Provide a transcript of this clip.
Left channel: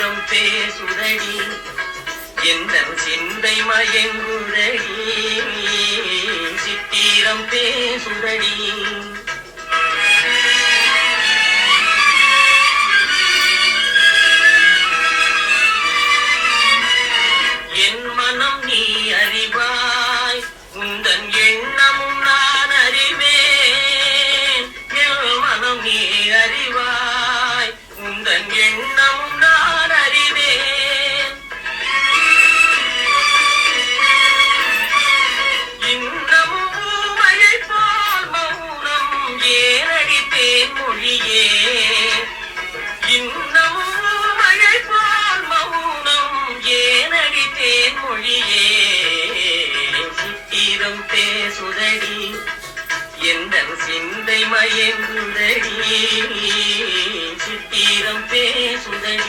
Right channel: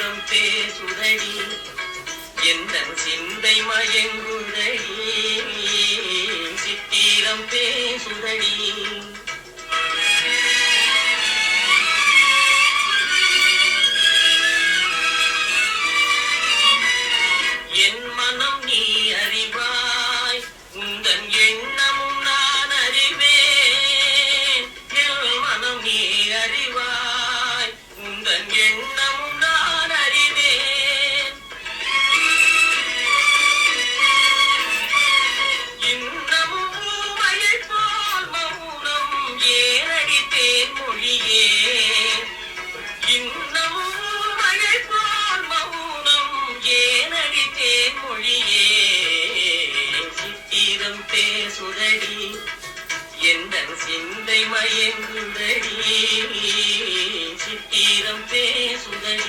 சித்திரம் பேசுதடி. எந்த சிந்தை மயங்குதடி. சித்திரம் பேசுதடி. என் மனம் நீ அறிவாய். உந்தன் எண்ணமும் நான் அறிவேன். என் மனம் நீ அறிவாய். மொழியே இன்னமும் மழை போல் மௌனம் ஏனடித்தேன் மொழியே சித்திரம் பேசுதடி எந்த சிந்தை மயங்குதடி. சித்திரம் பேசுதடி.